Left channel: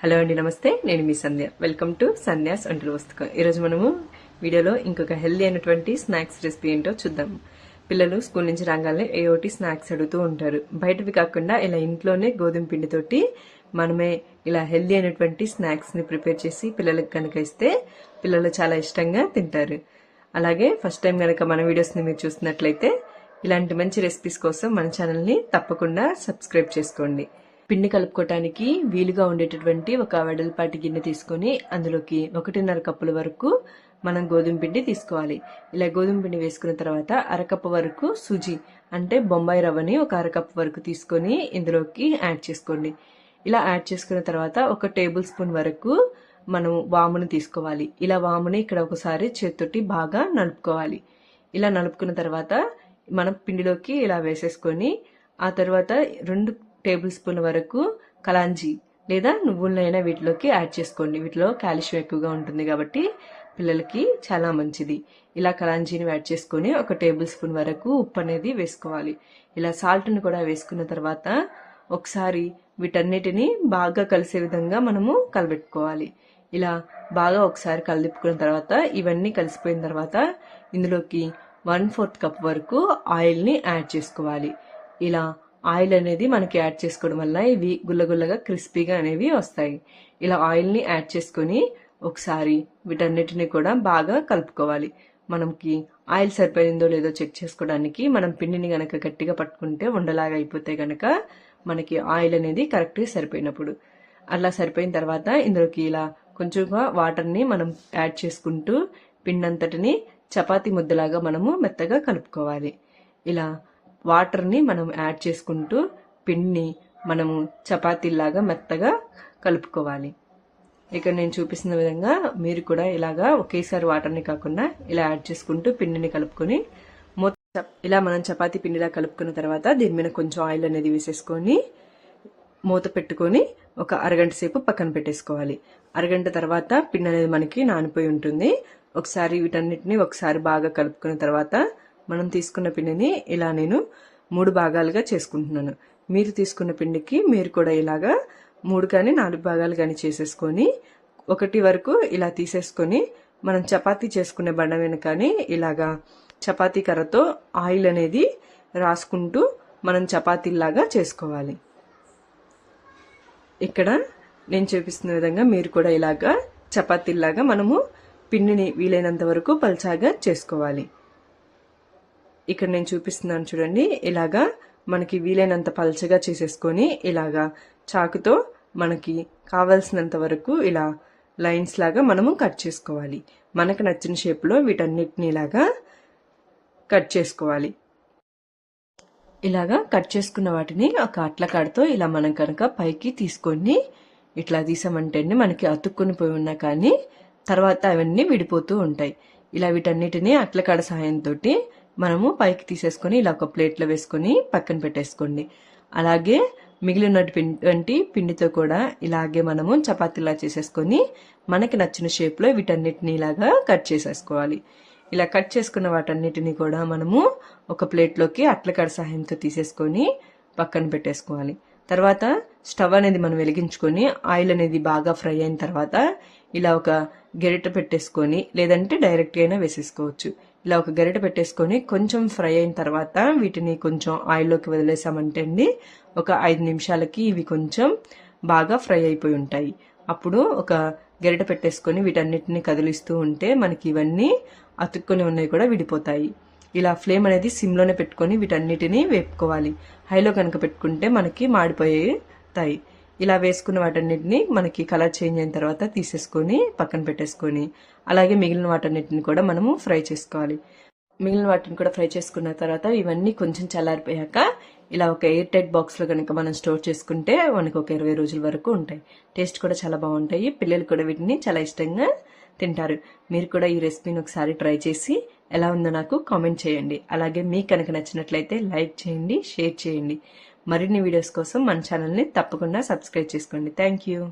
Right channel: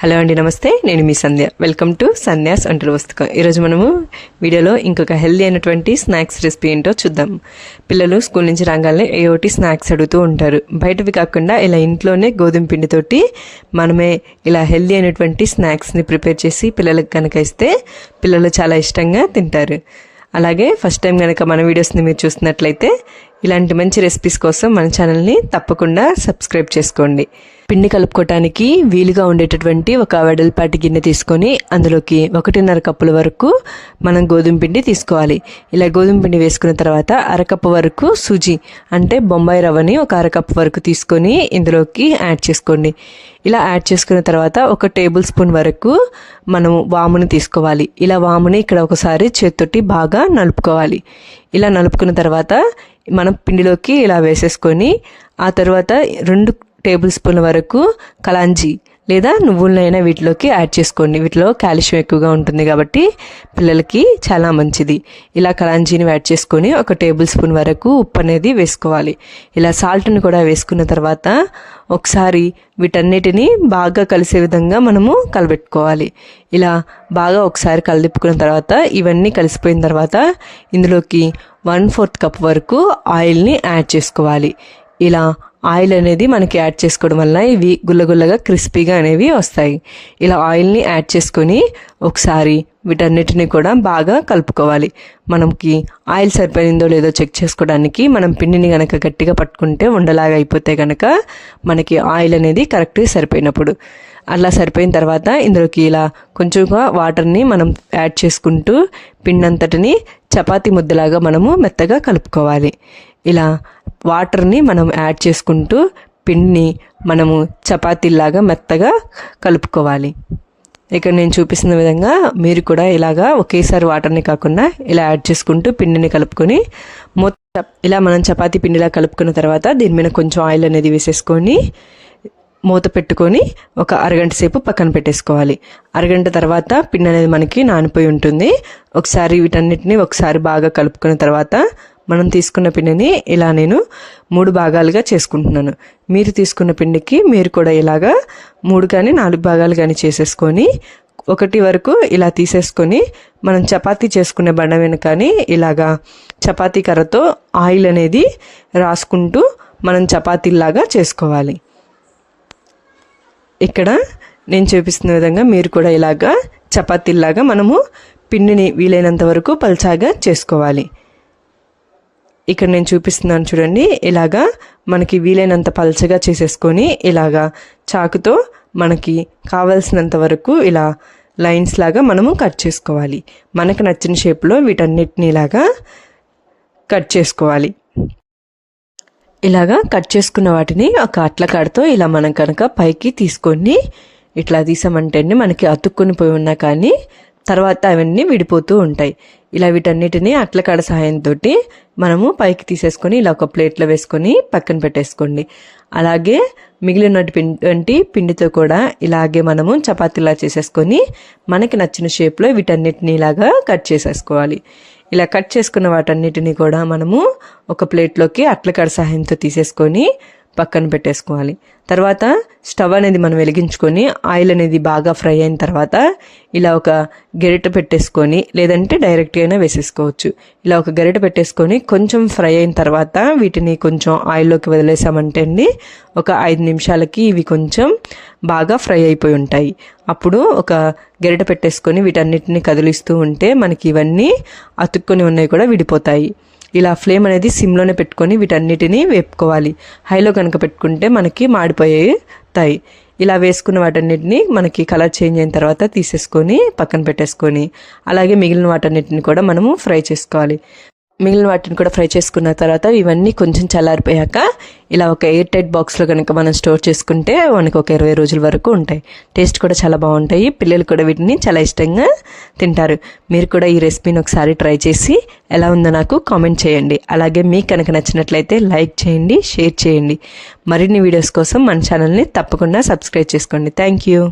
Hello అండి నమస్తే. నేను మీ సంధ్య. వెల్కమ్ టు సంధ్యాస్ వంటల పుస్తకం ఈరోజు మనము వీడియోలో ఇంకొక హెల్దీ అయినటువంటి స్నాక్స్ రెసిపీ ఏంటో చూద్దాం. పిల్లలు స్కూల్ నుంచి రాగానే ఏ ఒకటి స్నాక్స్ అడుగుతూ ఉంటారు. బయటవి కాకుండా ఇలా ఇంట్లోనే గోధుమ పిండితోటి మనమే ఇలా హెల్దీ అయినటువంటి స్నాక్స్ని ప్రిపేర్ చేసి పిల్లలకు కనుక ఇస్తే పిల్లలు చాలా ఇష్టంగా తింటారు. అలాగే ఫస్ట్ టైం కనుక మన వీడియోస్ని మీరు చూస్తున్నట్లయితే ఇలాంటి మంచి రెసిపీస్ కోసం మన ఛానల్ని తప్పకుండా సబ్స్క్రైబ్ చేసుకోండి. పిండి కలుపుకోవటానికి వీలుగా ఉండేటటువంటి ఒక వెడల్పాటి గిన్నె తీసుకొని అందులోకి ఒకటిన్నర కప్పుల వరకు మనం గోధుమ పిండి తీసుకోవాలి. ఇలా గోధుమ పిండి వేసుకున్న తర్వాత అరకప్పు వరకు సూజీ అంటే బొంబాయి రవ్వని ఒక అరకప్పు వరకు తీసుకొని ఇందులోకి యాడ్ చేసుకోండి. ఇలా యాడ్ చేసుకున్న తర్వాత ఒక టేబుల్ స్పూన్ వరకు మనం వామును తీసుకోవాలి. ఇలా వాముని ఇక్కడ ఒకసారి చేత్తోటి బాగా నలుపుకోవాలి. ఇలా నలుపుకున్న తర్వాత మనం పిండిలోకి ఇలా వేసేసుకొని ఆ తర్వాత రెండు టేబుల్ స్పూన్ల వరకు కలాంజీ లేదా నువ్వులనైనా వీటిలోకి యాడ్ చేసుకోండి. వీటిలో కాల్షియం ఎక్కువగా ఉంటుంది కాబట్టి పిల్లలకి చాలా మంచిది. ఇలా కలాంజీని యాడ్ చేసుకొని ఒక టేబుల్ స్పూన్ వరకు ఉప్పు అనేది వేసుకోవాలి. ఇలా సాల్ట్ని కూడా వేసుకున్న తర్వాత ఒకసారి వీటన్నిటిని బాగా కలిసే విధంగా మనము కలబెట్టుకోవాలి. ఇలా బాగా ఒకసారి కలిదిప్పుకున్న తర్వాత ఇవన్నీ కలిసిపోయిన తర్వాత ఇందులోకి వన్ ఫోర్త్ కప్ వరకు ఆయిల్ని యాడ్ చేసుకోవాలి. ఇలా ఆయిల్ అనేది మనకి యాడ్ చేసుకోవడం వల్ల ఇవి గుల్లగుల్లగా క్రిస్పీగా అనేవి వస్తాయి. ఇలా ఆయిల్ని యాడ్ చేసుకొని ఒకసారి వీటన్నిటిని కూడా బాగా కలుపుకోవాలి. మనకి ఆయిల్ సరిపోయిందో లేదో చెక్ చేసుకోవడానికి మనం పిండిని కనుక గట్టిగా పట్టుకుంటే ఉండలాగా అయిపోతే కనుక మనకి ఆయిల్ అనేది కరెక్ట్గా సరిపోయినప్పుడు. అలా సరిపోయిన తర్వాత ఇందులోకి ఇలా కొంచెంగా వాటర్ని మనం యాడ్ చేసుకుంటూ పిండి అంతటిని చపాతీ ముద్దలాగా మనము మెత్తగా కలుపుకోవాలి. ఇలా వాటర్ని మనం యాడ్ చేసుకుంటూ పిండిని మనము చపాతీలాగా మెత్తగా కలుపుకోవాలి. ఇక్కడ నేను చూపిస్తున్న విధంగా మీరు కూడా ఇలాగా ఒకేసారి వాటర్ని కాకుండా ఇలా యాడ్ చేసుకుంటూ పిండిని కలుపుకొని మొత్తం ఇలా మనం చపాతీ పిండిలా కలుపుకున్న తర్వాత దీని మీద కొంచెం ఆయిల్ అనేది వేసేసుకొని మూత పెట్టుకొని ఒక అరగంట సేపు పక్కన పెట్టేసుకోవాలి. అరగంట తర్వాత పిండి అనేది మనకి నానిపోయి ఉంటుంది. ఒకసారి వీటన్నిటిని ఒకసారి బాగా కలుపుకున్న తర్వాత మనం తీసుకున్న పిండిని ఇలా నేను మూడు భాగాలుగా చేసుకుంటున్నాను. మీరు తీసుకున్న పిండికి మీరు కూడా ఇలాగా మూడు కానీ నాలుగు భాగాలు కానీ చేసేసుకొని ఒకటి వరకు ఇలా తీసేసుకొని మనం చపాతీ చేసుకునే బండ వెనుకని ఇలాగా చపాతీ కర్రతో ఆయిల్ అనేది రాసుకుంటూ మనం చపాతీలాగా చేసుకోవాలి. ఇక్కడ నేను చూపిస్తున్న విధంగా మీరు కూడా ఇలాగా చపాతీలాగా మనము పిండిని వీలైనంత వరకు పల్చాగా చేసుకోవాలి. ఇక్కడ నేను చూపిస్తున్నాను చూడండి ఇలాగా మనకి వీలైనంత పల్చగా చేసేసుకొని ఇలాగా చాకుతో మనకి కావలసినంత వరకు ఇలా లైన్స్ లాగా మనము కట్ చేసుకోవాలి. మనకు నచ్చిన షేప్లో వీటన్నిటిని ఇలాగా కట్ చేసుకోవాలి. ఇలాగా కట్ చేసుకున్న వాటిని ఒక అట్ల కాడతో ఇలా మనం కనుక పైకి తీసుకొని ఇట్లా తీసామంటే మనకి అతుక్కుని పోయి ఉన్నా కానీ తర్వాత అవన్నీ విడిపోతూ ఉంటాయి. ఇలా వీటన్నిటిని అట్ల కాడ సహాయంతో మనము పైకి తీసేసుకొని ఇలా ఒక ప్లేట్లో వేసుకొని పక్కన పెట్టేసుకోండి. అలాగే మిగిలిన పిండి పిండితో కూడా ఇలాగే మనము చపాతీలా చేసేసుకొని మనకి నచ్చిన షేప్లో వీటన్నిటిని ఇలాగా కట్ చేసేసుకోవాలి. ఇలా కట్ చేసుకున్న వాటన్నిటిని కూడా మనము ఒక ప్లేట్లోకి అట్లకాడ సహాయంతో తీసేసుకొని పక్కన పెట్టేసుకోవాలి. తర్వాత స్టవ్ అనేది మనం వెలిగించుకొని ఆయిల్ అనేది బాగా ఫ్రై అయిన తర్వాత ఇలా ఒక గరిట పెట్టేసుకొని లేదంటే డైరెక్ట్గా అయినా వేసేసుకోవచ్చు. ఇలా ఒక గరిట పెట్టేసుకొని కొంచెం ఫ్రై అయిన తర్వాత వీటిని కొంచెం ఆయిల్లోకి వదిలేసామంటే అండి ఒక ఐదు నిమిషాలకి ఇవి కొంచెం బాగా ఫ్రై అయిపోయి ఉంటాయి. అప్పుడు ఒక గరిట పెట్టేసుకొని వీటన్నిటిని కదిలిస్తూ ఉంటే మనకి ఇవన్నీ అతుక్కొని ఉన్నాయి కూడా విడిపోతాయి. ఇలా ఫ్లేమ్ అనేది సిమ్లోనే పెట్టుకొని వీటన్నిటిని వేపుకోవాలి. హైలో కనుక పెట్టుకుంటే మనకి మాడిపోయేతాయి ఇలా వేసుకున్న వాటన్నిటిని మనకి కలర్ చేంజ్ అయిన తర్వాత తీసేసుకొని పక్కన పెట్టేసుకొని అలాగే మిగిలిన వాటన్నిటిని కూడా మనము ఫ్రై చేసుకోవాలి. మిగిలిన వాటిని కూడా ఫ్రై చేసుకున్న తర్వాత ఇవన్నీ కొంచెం చల్లారిపోయాక ఇలా ఒక ఎయిర్ టైట్ బాక్స్లో కనుక మనం స్టోర్ చేసుకుంటే మనకి ఒక ఇరవై రోజుల వరకు ఉంటాయి. టేస్ట్ కూడా చాలా బాగుంటాయి. పిల్లలు కూడా వీటిని చాలా ఇష్టంగా తింటారు. మీరు కూడా ఈ రెసిపీని ఒకసారి ట్రై చేసి ఎలా ఉందో నాకు కామెంట్ చేయండి. అలాగే మీకు కనుక నచ్చినట్లయితే లైక్ చేయండి షేర్ చేయండి. మరిన్ని వీడియోస్ కోసం మన ఛానల్ని తప్పకుండా సబ్స్క్రైబ్ చేసుకోండి. Thank you.